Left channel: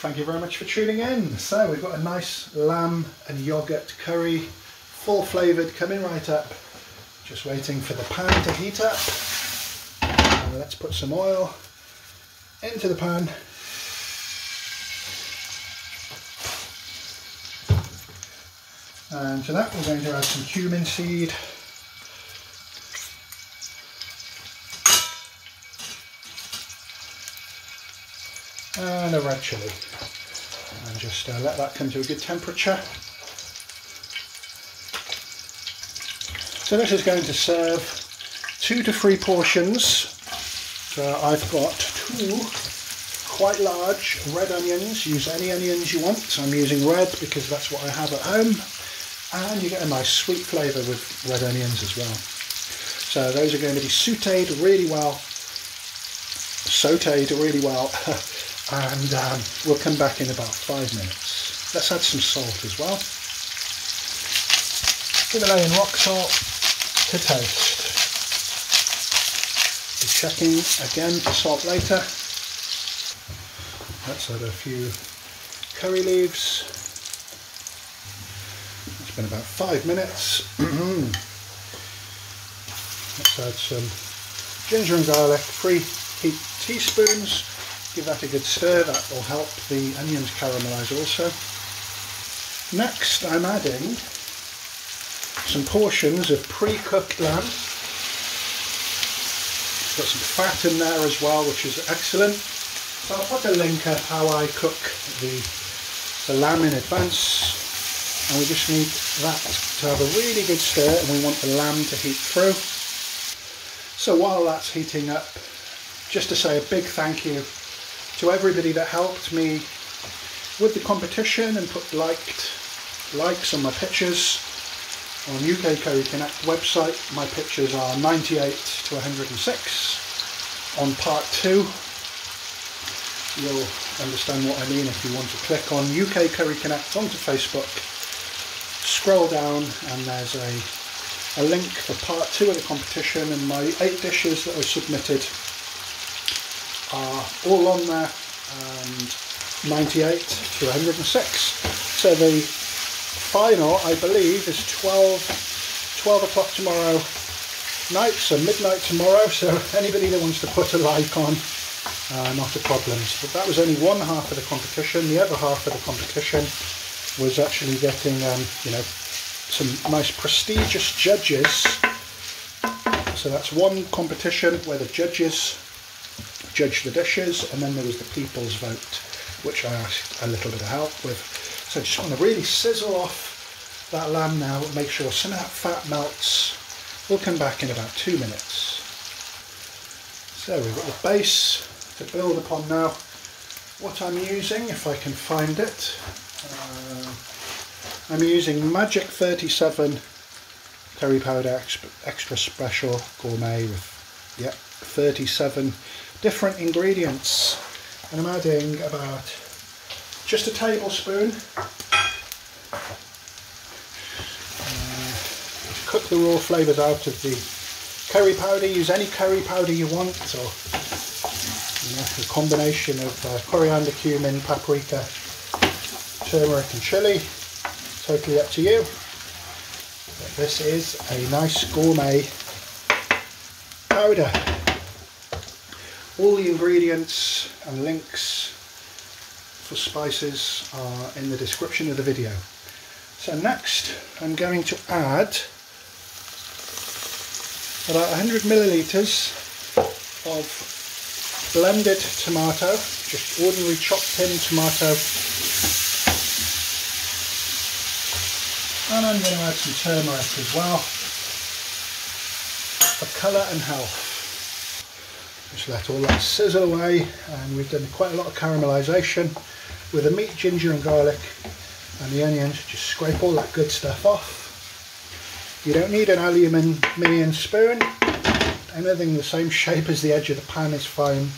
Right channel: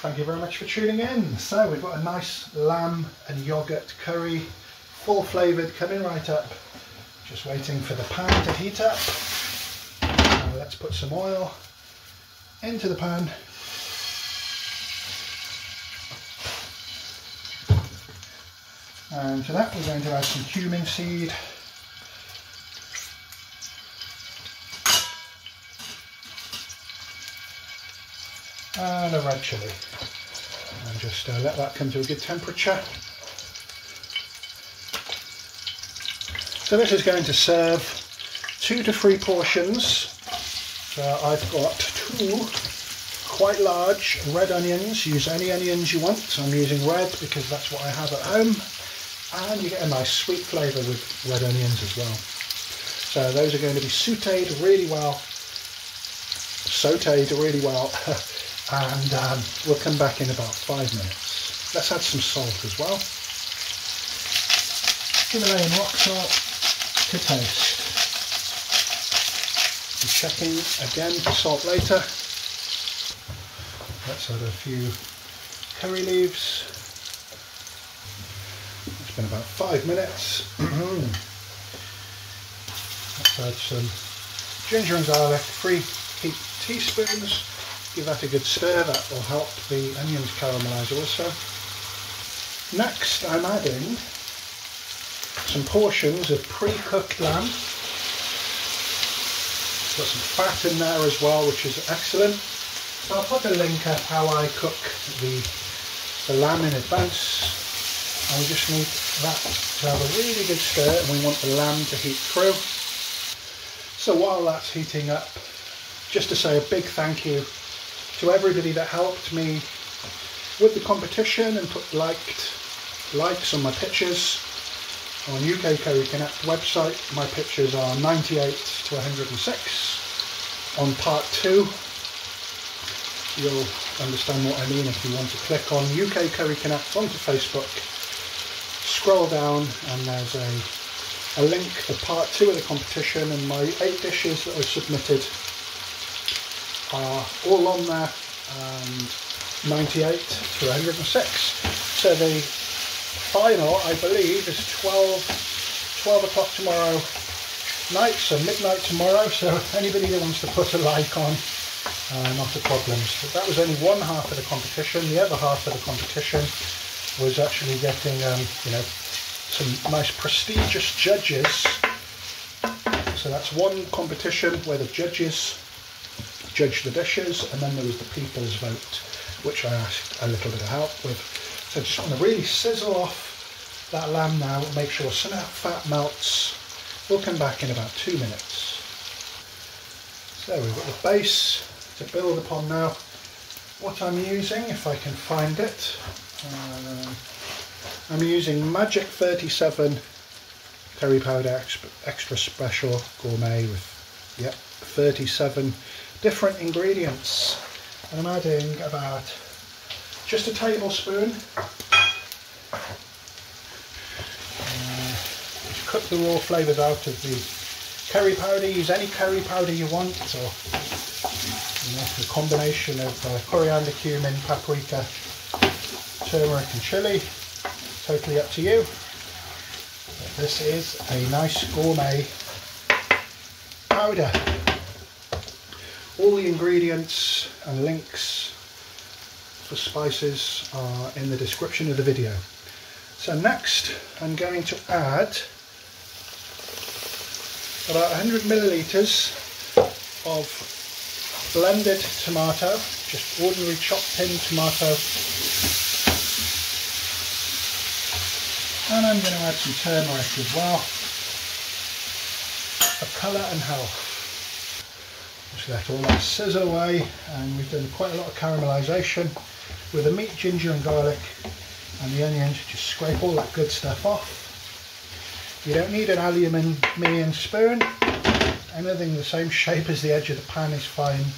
Thank you very much for tuning in. So we've got a nice lamb and yoghurt curry, full flavoured, coming right up. Just waiting for the pan to heat up. Now let's put some oil into the pan. And to that we're going to add some cumin seed. And a red chilli. And just let that come to a good temperature. So this is going to serve 2 to 3 portions. So I've got 2 quite large red onions. Use any onions you want. I'm using red because that's what I have at home. And you get a nice sweet flavour with red onions as well. So those are going to be sautéed really well. And we'll come back in about 5 minutes. Let's add some salt as well. Himalayan rock salt to taste. Be checking again for salt later. Let's add a few curry leaves. It's been about 5 minutes. Let's add some ginger and garlic, 3 heap teaspoons. Give that a good stir, that will help the onions caramelise also. Next I'm adding some portions of pre-cooked lamb. Got some fat in there as well, which is excellent. So I'll put a link of how I cook the lamb in advance. And we just need that to have a really good stir, and we want the lamb to heat through. So while that's heating up, just to say a big thank you to everybody that helped me with the competition and put likes on my pictures. On UK Curry Connect website, my pictures are 98 to 106. On part 2, you'll understand what I mean if you want to click on UK Curry Connect onto Facebook, scroll down and there's a link for part 2 of the competition, and my 8 dishes that I submitted are all on there, and 98 to 106. So the final, I believe, is 12 o'clock tomorrow night, so midnight tomorrow. So anybody that wants to put a like on, not a problem. But that was only one half of the competition. The other half of the competition was actually getting, some nice prestigious judges. So that's one competition where the judges judge the dishes, and then there was the people's vote, which I asked a little bit of help with. So I just want to really sizzle off that lamb now, make sure some of that fat melts. We'll come back in about 2 minutes. So we've got the base to build upon now. What I'm using, if I can find it, I'm using Magic 37 curry powder extra special gourmet with 37 different ingredients, and I'm adding about just a tablespoon. Cook the raw flavours out of the curry powder. Use any curry powder you want, so a combination of coriander, cumin, paprika, turmeric and chilli, totally up to you. But this is a nice gourmet powder. All the ingredients and links for spices are in the description of the video. So next I'm going to add about 100 millilitres of blended tomato, just ordinary chopped in tomato. And I'm going to add some turmeric as well for colour and health. Just let all that sizzle away, and we've done quite a lot of caramelisation with the meat, ginger and garlic and the onions. Just scrape all that good stuff off. You don't need an aluminium spoon. Anything the same shape as the edge of the pan is fine.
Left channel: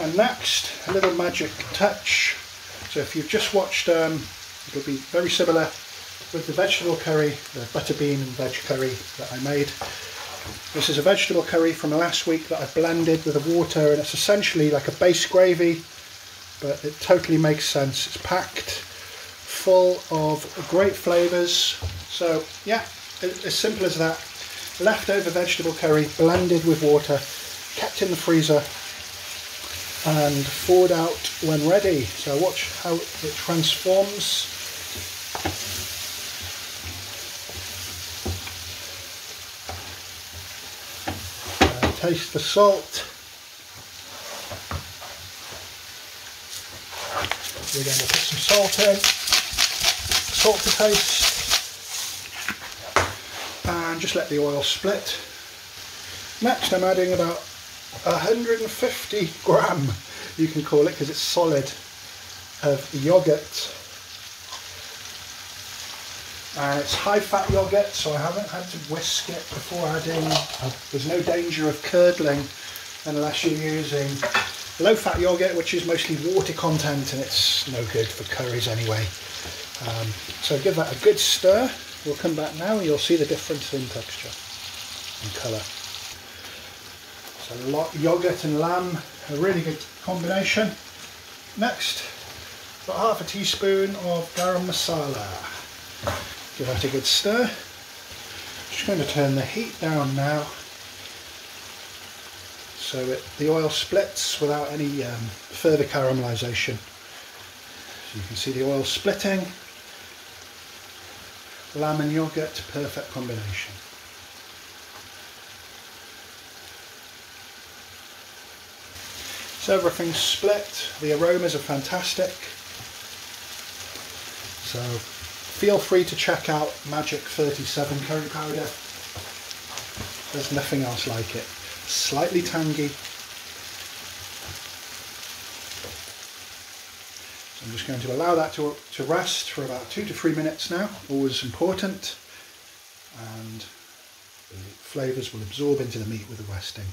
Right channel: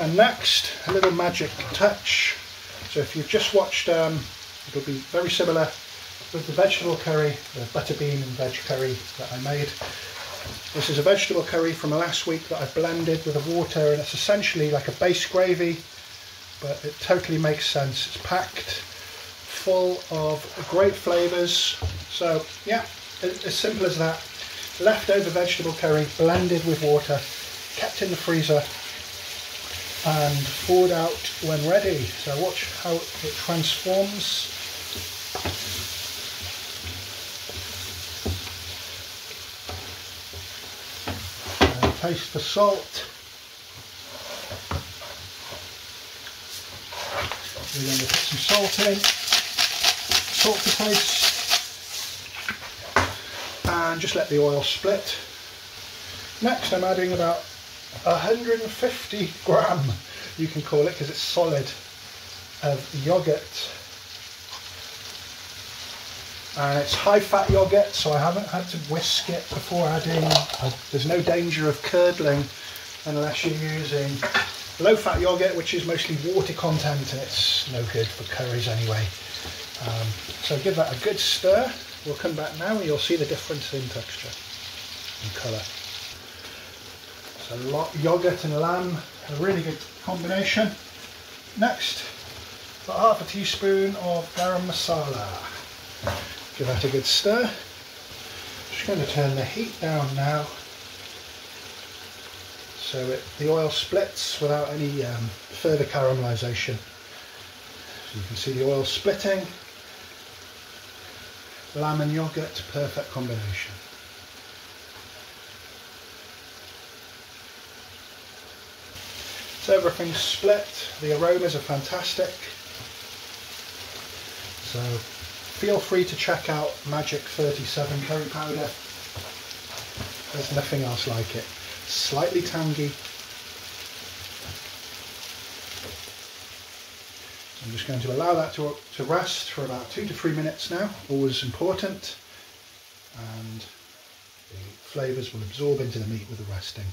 And next, a little magic touch. So if you've just watched, it'll be very similar with the vegetable curry, the butter bean and veg curry that I made. This is a vegetable curry from last week that I blended with the water, and it's essentially like a base gravy, but it totally makes sense. It's packed full of great flavours. So yeah, as simple as that. Leftover vegetable curry blended with water, kept in the freezer and thawed out when ready. So watch how it transforms. Taste the salt. We're going to put some salt in, salt to taste, and just let the oil split. Next I'm adding about 150 gram, you can call it because it's solid, of yoghurt. And it's high fat yoghurt, so I haven't had to whisk it before adding. There's no danger of curdling unless you're using low fat yoghurt, which is mostly water content, and it's no good for curries anyway. So give that a good stir. We'll come back now and you'll see the difference in texture and colour. So yoghurt and lamb, a really good combination. Next, about half a teaspoon of garam masala. Give that a good stir. Just going to turn the heat down now so that the oil splits without any further caramelisation. So you can see the oil splitting. Lamb and yoghurt, perfect combination. So everything's split, the aromas are fantastic. So feel free to check out Magic 37 curry powder. There's nothing else like it. Slightly tangy. I'm just going to allow that to rest for about 2 to 3 minutes now, always important, and the flavours will absorb into the meat with the resting.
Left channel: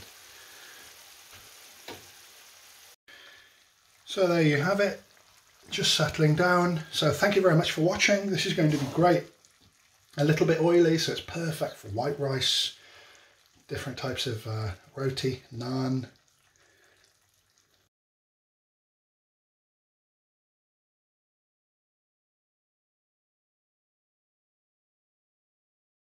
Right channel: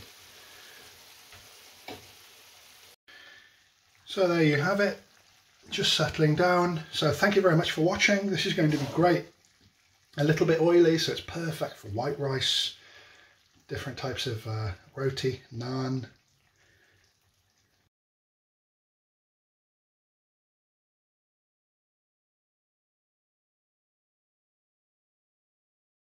So there you have it, just settling down. So thank you very much for watching. This is going to be great. A little bit oily, so it's perfect for white rice, different types of roti, naan,